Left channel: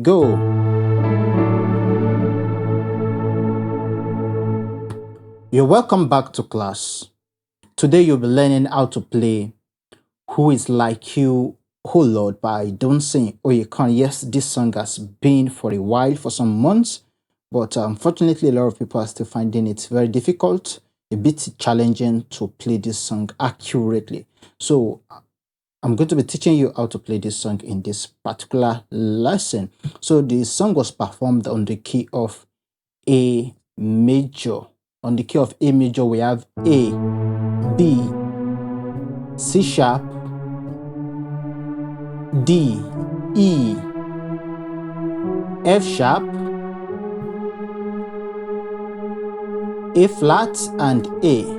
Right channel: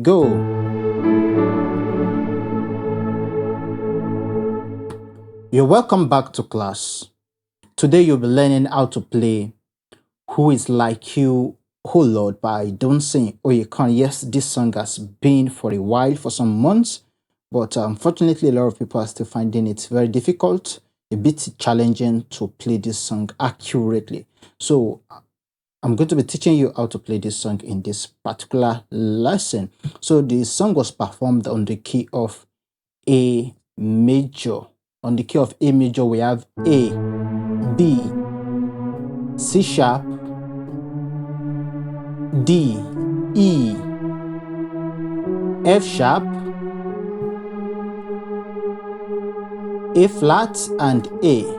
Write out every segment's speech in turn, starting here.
Go. You're welcome back to class. Today you'll be learning how to play Who Is Like You, Oh Lord by Dunsin Oyekan. Yes, this song has been for a while, for some months, but unfortunately a lot of people are still finding it very difficult, a bit challenging to play this song accurately. So I'm going to be teaching you how to play this song in this particular lesson. So the song was performed on the key of A major. On the key of A major, we have A, B, C sharp, D, E, F sharp, A flat, and A.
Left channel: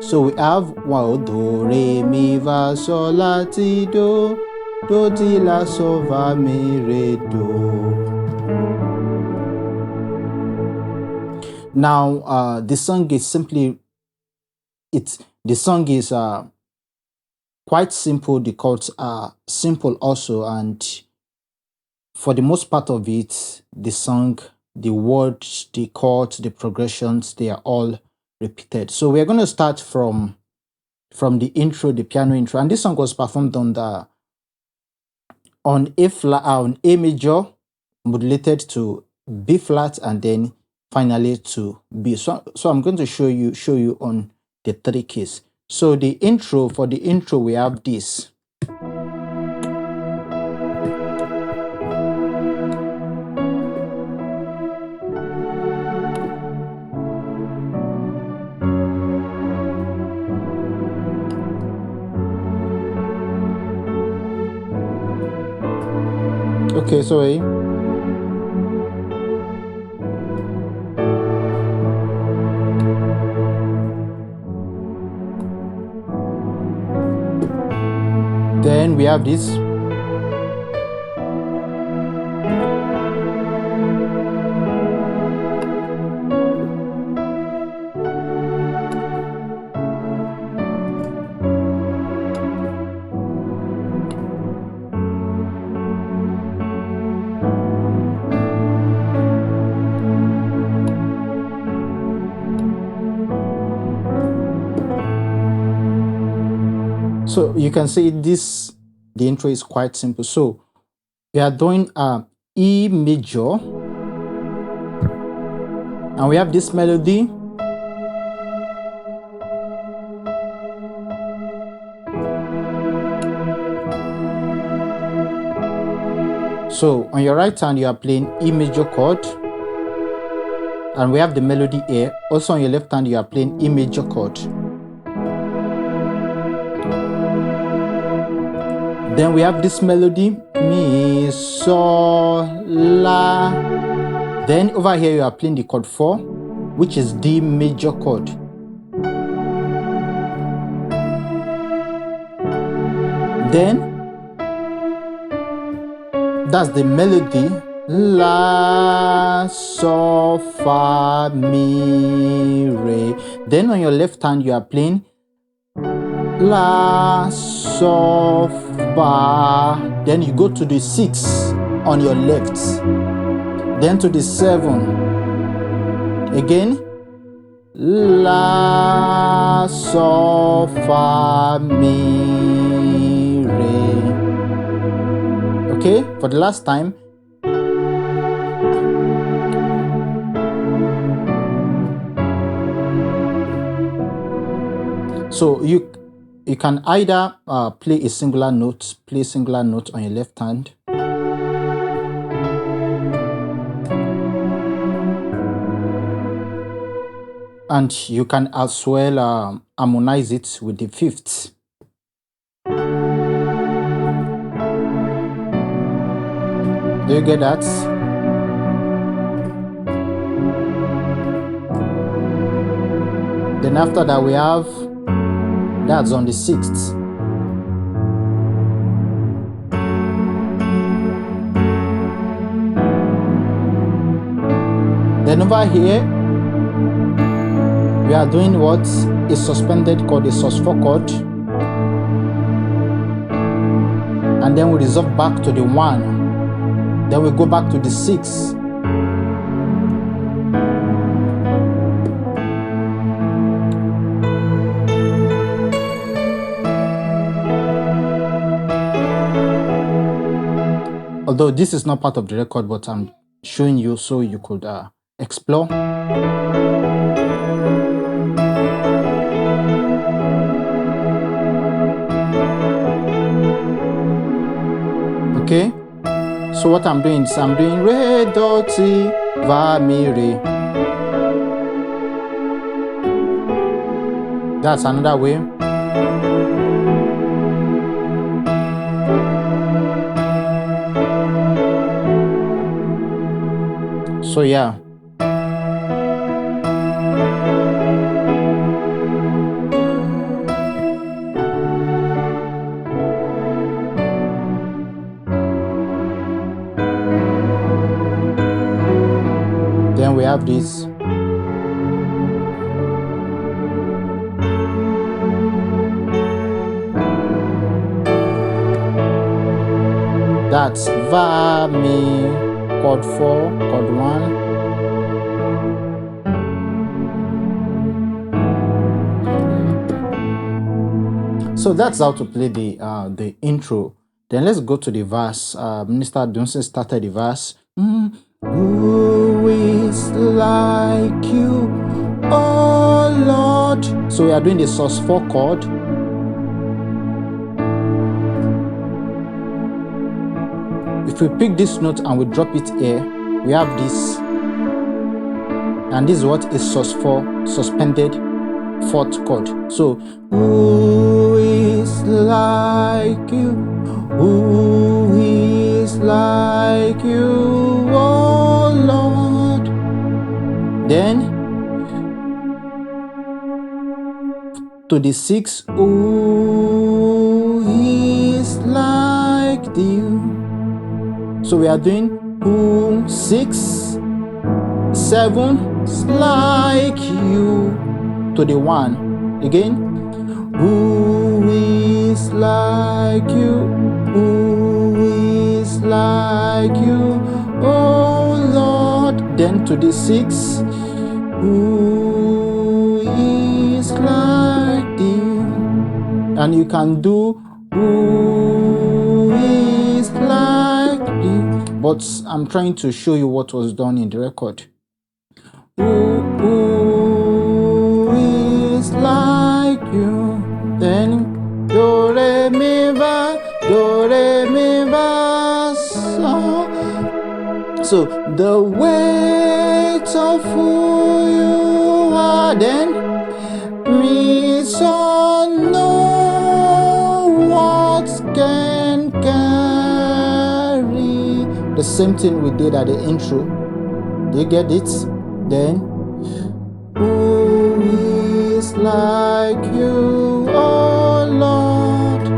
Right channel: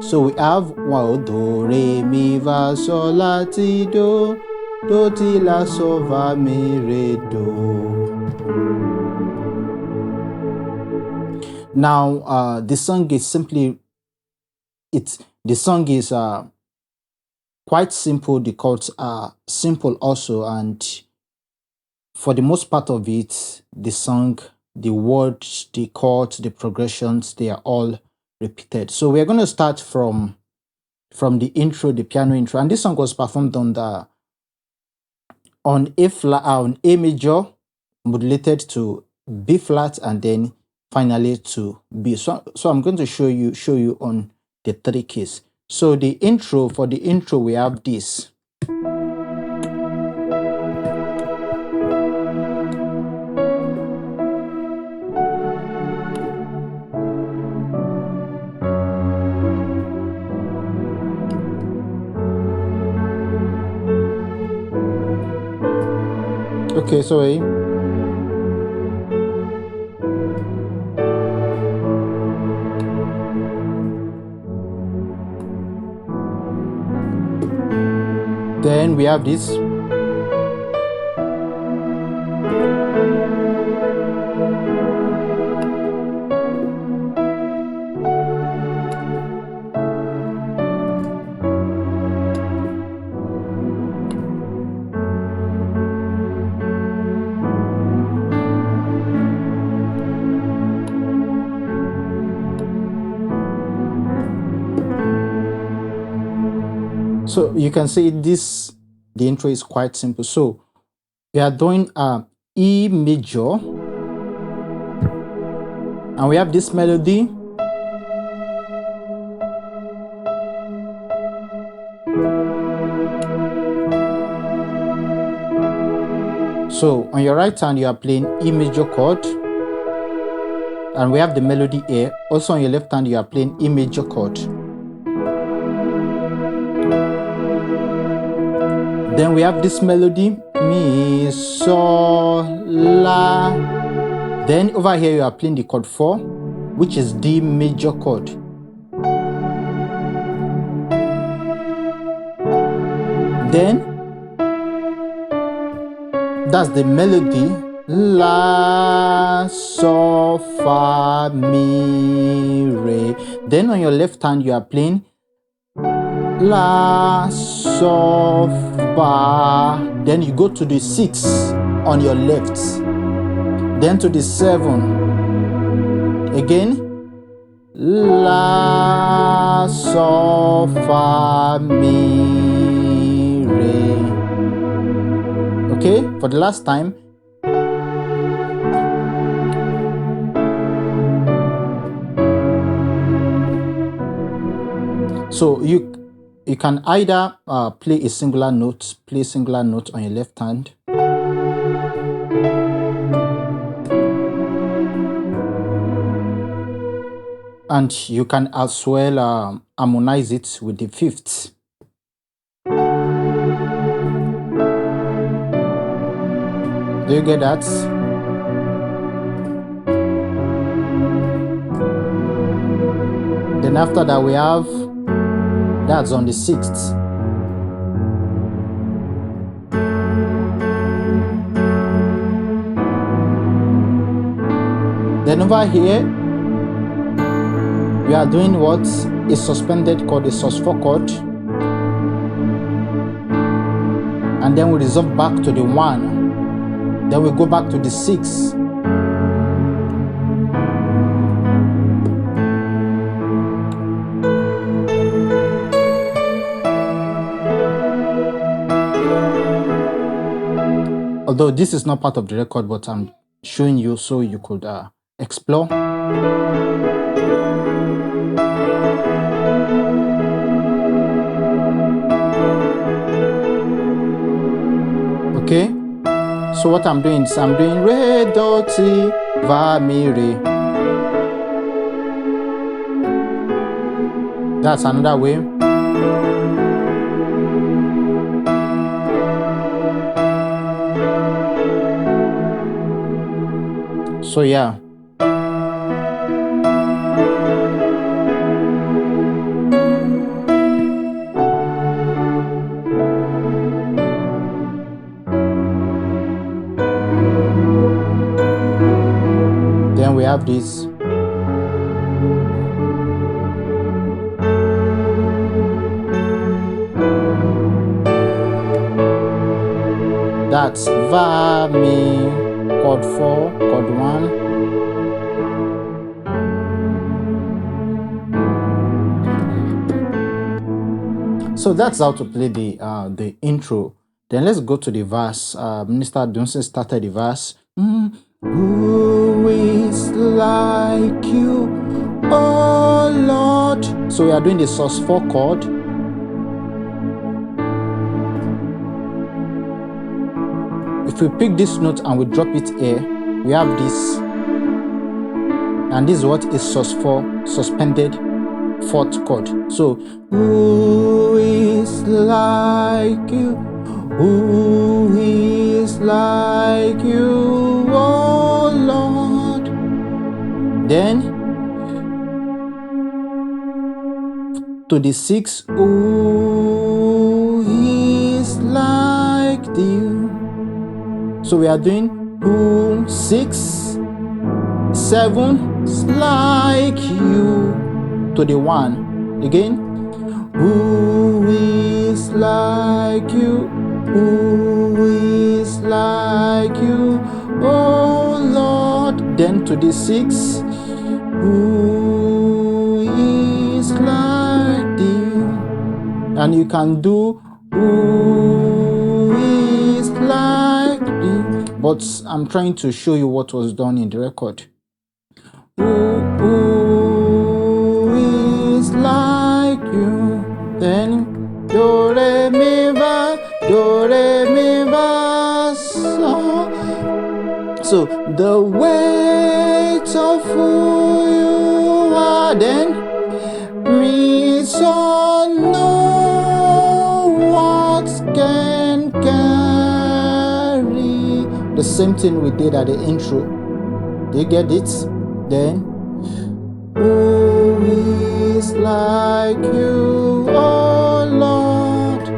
So we have one, do, re, mi, fa, sol, la, ti, do, ti, la, sol, fa, mi, re, do. Now, the song is quite simple. The chords are simple also, and for the most part of it, the song, the words, the chords, the progressions, they are all repeated. So we're going to start from the intro, the piano intro, and this song was performed on A flat, on A major, modulated to B flat, and then finally to B. So I'm going to show you on the three keys. So for the intro, we have this. Okay, sorry. Then we have this. So you can see the intro is quite simple. So we are doing E major, and we have this melody. So on your right hand, you are playing E major chord, and we have the melody here. Also on your left hand, you are playing E major chord. Then we have this melody, mi, sol, la. Then over here you are playing the chord 4, which is D major chord. Then that's the melody, la, sol, fa, mi, re. Then on your left hand you are playing la, sol, fa. Then you go to the 6 on your left. Then to the 7. Again, la, sol, fa, mi, re. Okay, for the last time. So you can either play a singular note on your left hand, and you can as well harmonize it with the 5th. Do you get that? Then after that we have, that's on the 6th. Then over here, we are doing what? A suspended chord, a sus4 chord. And then we resolve back to the 1. Then we go back to the 6. Although this is not part of the record, but I'm showing you so you could explore. Okay, so what I'm doing is I'm doing re, do, ti, va, mi, re. That's another way. So yeah. Then we have this. That's va, mi, chord 4, chord 1. So that's how to play the intro. Then let's go to the verse. Minister Dunsin started the verse. Who is like you, oh Lord? So we are doing the sus4 chord. If we pick this note and we drop it here, we have this. And this is what is sus4, suspended 4th chord. So, who is like you? Who is like you, oh Lord? Then to the 6, who is like you? So we are doing who, 6, 7, like you, to the 1. Again, who is like you? Who is like you, oh Lord? Then to the 6, who is like you? And you can do who is like you, but I'm trying to show you what was done in the record. Who is like you? Then do, re, mi, fa, do, re, mi, fa, so. So the weight of who you are, then mi, so, no words can carry. The same thing we did at the intro. Do you get it? Then who is like you, oh Lord?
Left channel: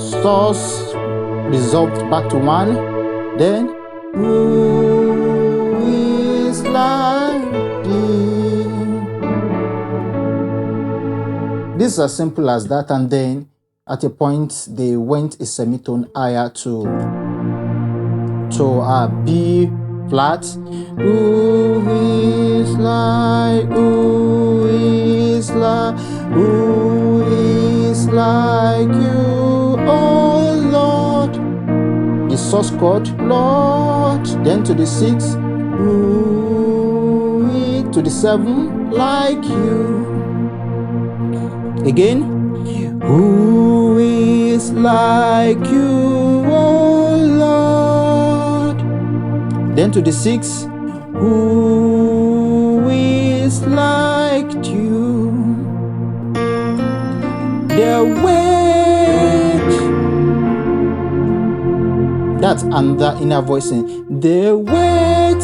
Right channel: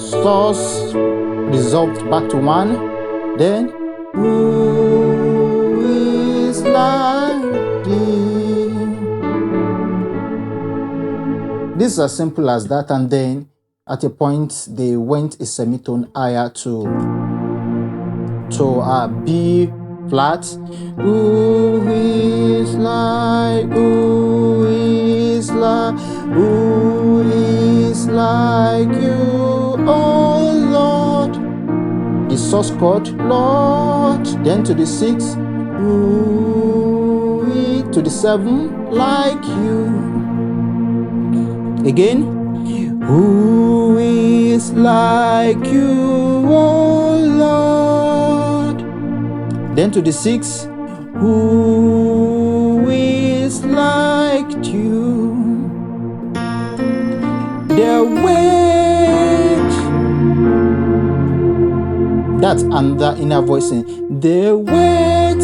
Sus resolved back to 1. Then who is like thee? This is as simple as that. And then at a point they went a semitone higher to B flat. Who is like you, oh Lord? The sus chord, Lord. Then to the 6, who is, to the 7, like you. Again, who is like you, oh Lord? Then to the 6, who is like you? The weight, that's under inner voicing. The weight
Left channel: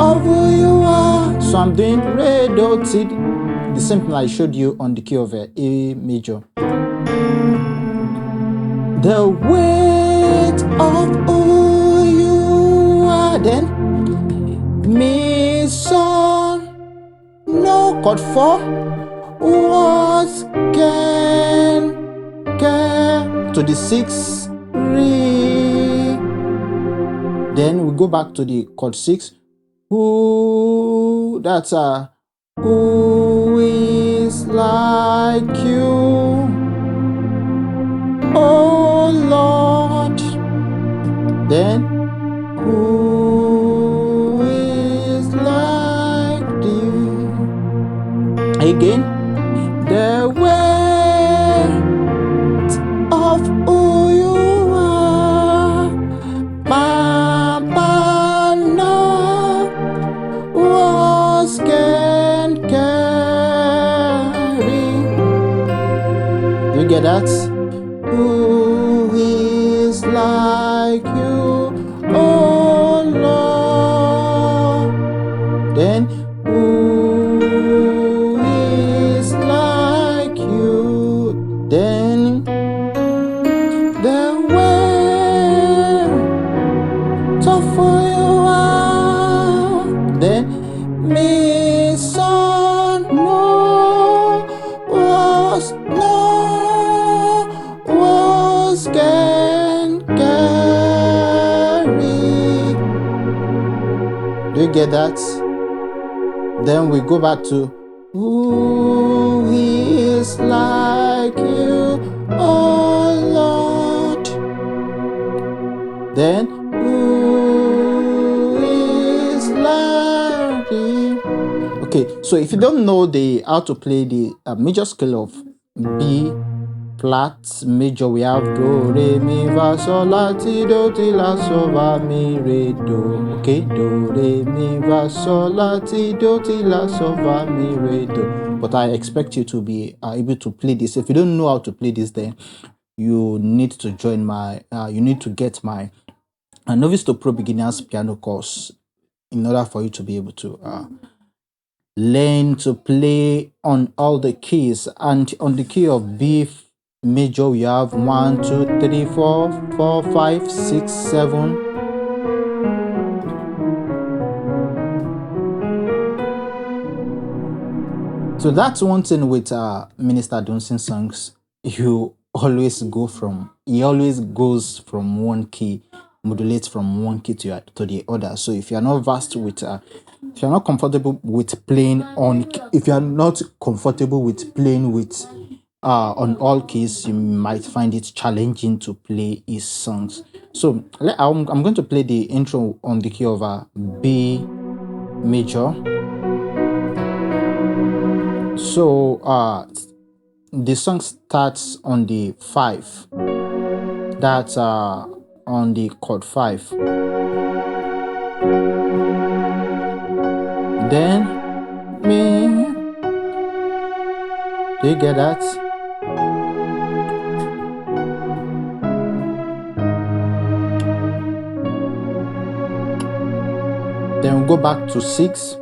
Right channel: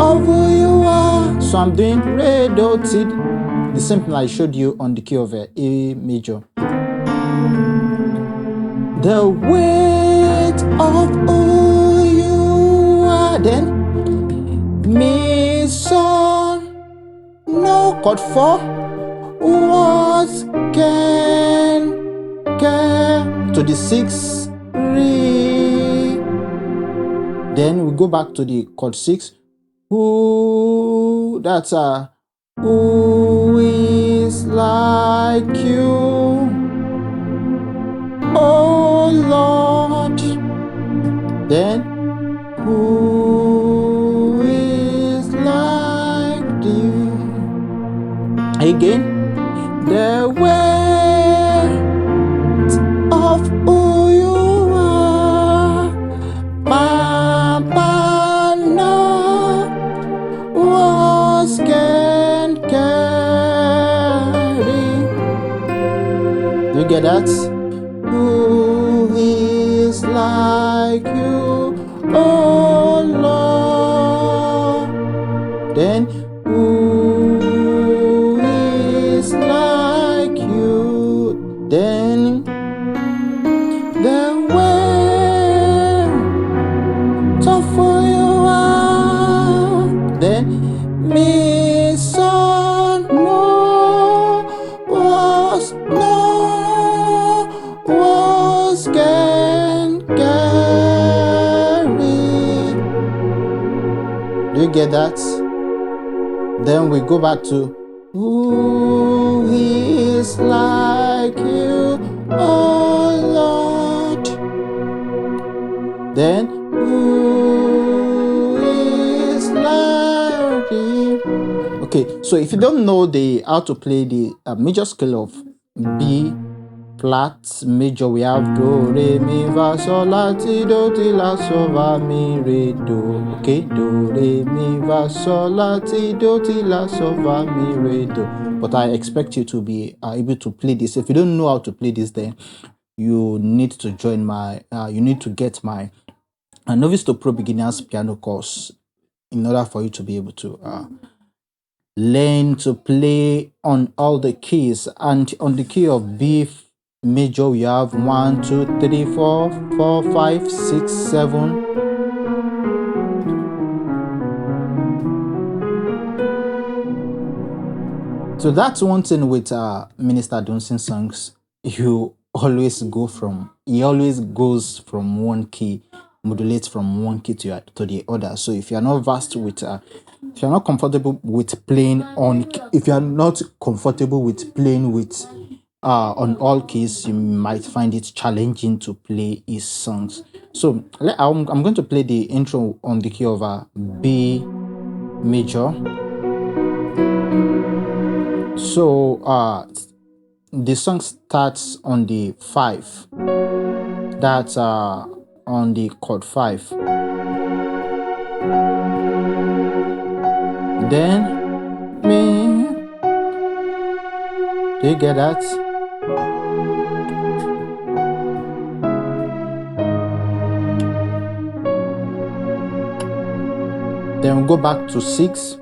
of who you are. So I'm doing re, do, ti, the same thing I showed you on the key of A major. The weight of who you are. Then mi, so, no chord 4. What can to the 6, re, Then we go back to the chord 6. Who is like you, oh Lord? Then who is like thee? Again, the weight of who you are, Papa, no words can carry. Do you get that? Who is like you, oh Lord? Then who is like you? Then the weight of who you are. Then me son no was can carry. Do you get that? Then we go back to who is like you, oh Lord? Then who is like you? Okay, so if you don't know how to play the major scale of B flat major, we have do, re, mi, fa, sol, la, ti, do, ti, la, so, fa, mi, re, do. Okay, do, re, mi, fa, sol, la, ti, do, ti, la, so, fa, mi, re, do. But I expect you to be able to play this. If you don't know how to play this, then you need to join my you need to get my novice to pro beginners piano course in order for you to be able to learn to play on all the keys. And on the key of B major, we have 1 2 3 4 4 5 6 7. So that's one thing with Minister Dunsin songs. He always goes from one key, modulates from one key to the other. So if you're not versed with if you're not comfortable with playing on on all keys, you might find it challenging to play his songs. So I'm going to play the intro on the key of B major. So the song starts on the 5. That's on the chord 5. Then me. Do you get that? Then we go back to 6.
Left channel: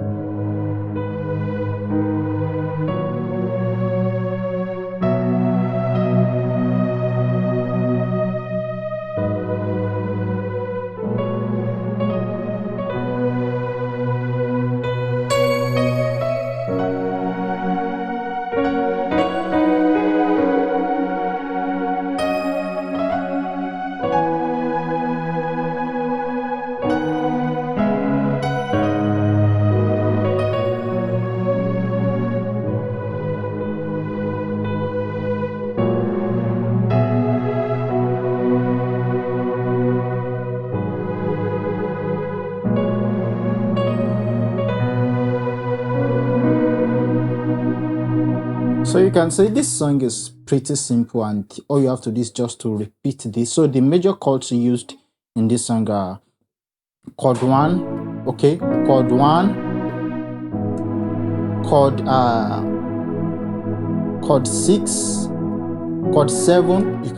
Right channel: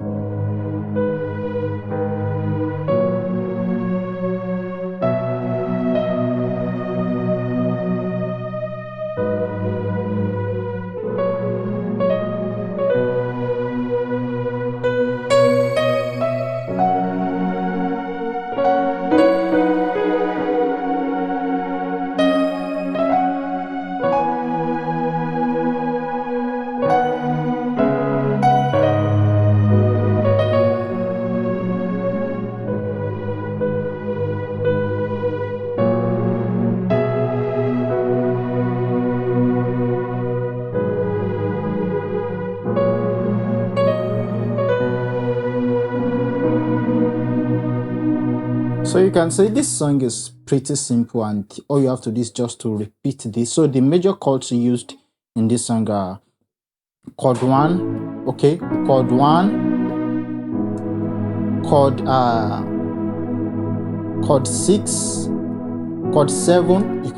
So you can say this song is pretty simple, and all you have to do is just to repeat this. So the major chords used in this song are chord 1, okay, chord 1, chord 6, chord 7. You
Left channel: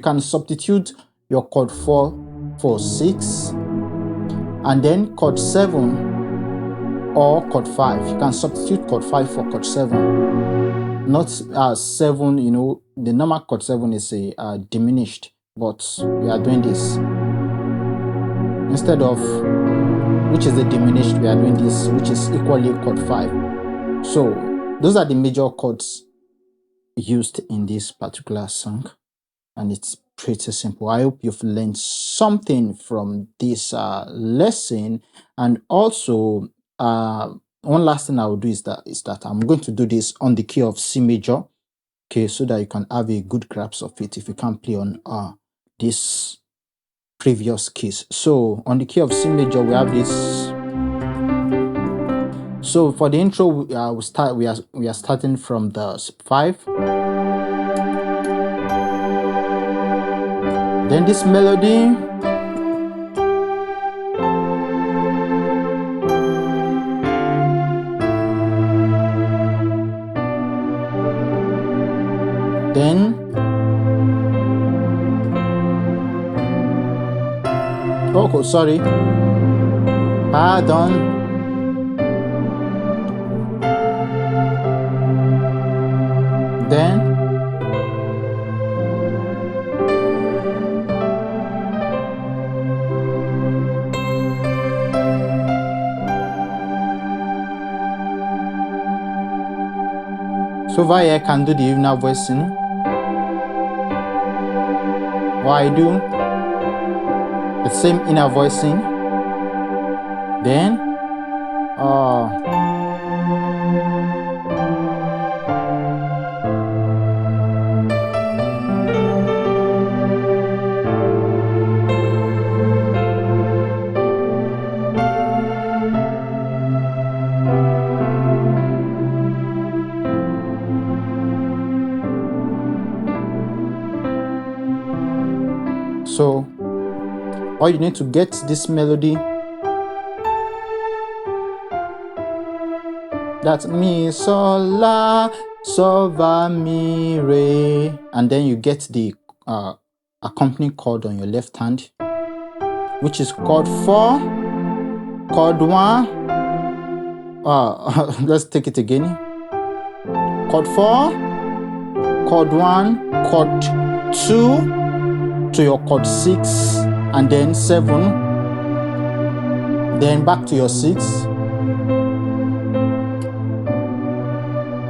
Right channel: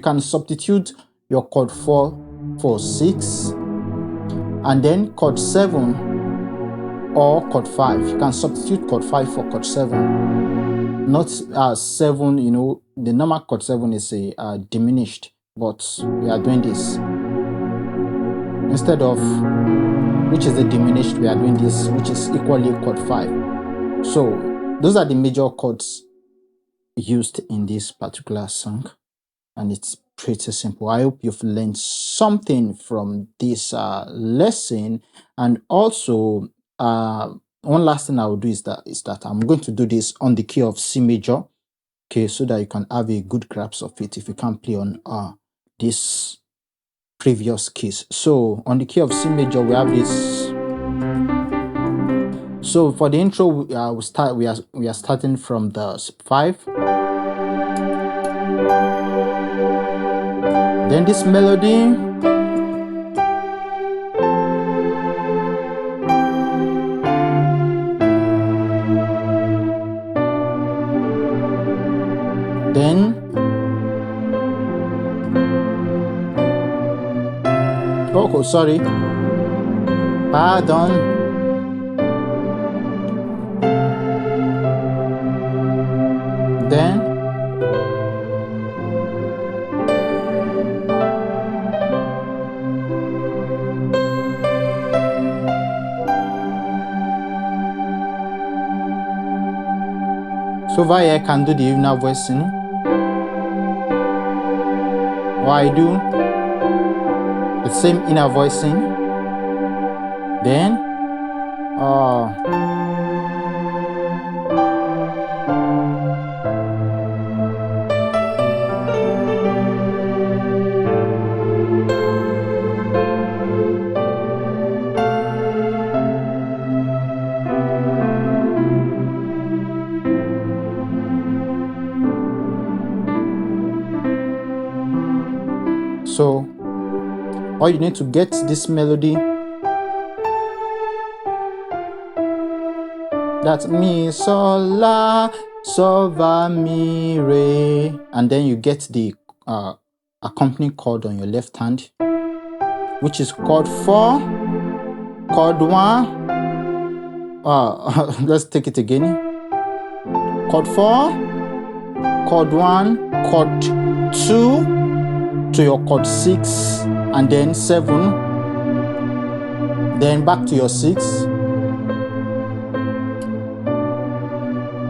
can substitute your chord 4 for 6, and then chord 7 or chord 5. You can substitute chord 5 for chord 7. Not 7, the normal chord 7 is a diminished, but we are doing this instead of which is the diminished. We are doing this, which is equally chord 5. So those are the major chords used in this particular song, and it's pretty simple. I hope you've learned something from this lesson. And also, one last thing I will do is that I'm going to do this on the key of C major, okay, so that you can have a good grasp of it if you can't play on this previous keys. So on the key of C major, we have this. So for the intro, we are starting from the 5. Then this melody. Then, oh, sorry, pardon. Then, so over here I can do the inner voicing. Or I do the same inner voicing. Then, so all you need to get this melody, that's mi, sol, la, sol, va, mi, re, and then you get the accompanying chord on your left hand, which is chord 4, chord 1. Let's take it again. Chord 4, chord 1, chord 2 to your chord 6, and then 7, then back to your 6.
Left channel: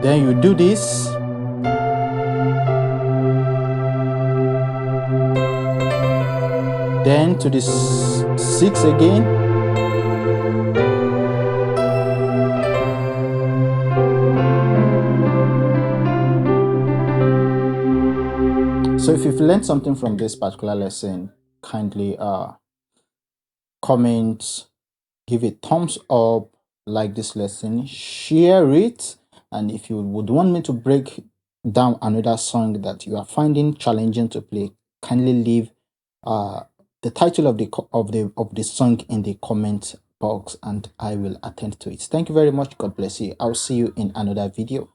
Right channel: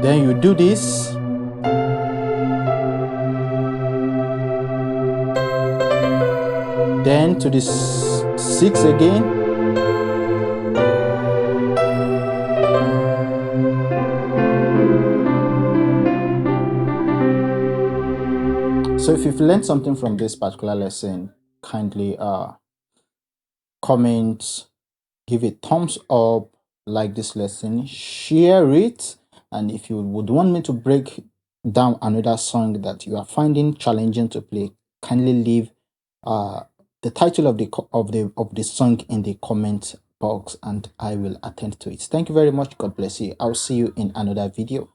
Then you do this. Then to this 6 again. So if you've learned something from this particular lesson, kindly comment, give a thumbs up, like this lesson, share it. And if you would want me to break down another song that you are finding challenging to play, kindly leave the title of the song in the comment box and I will attend to it. Thank you very much. God bless you. I'll see you in another video.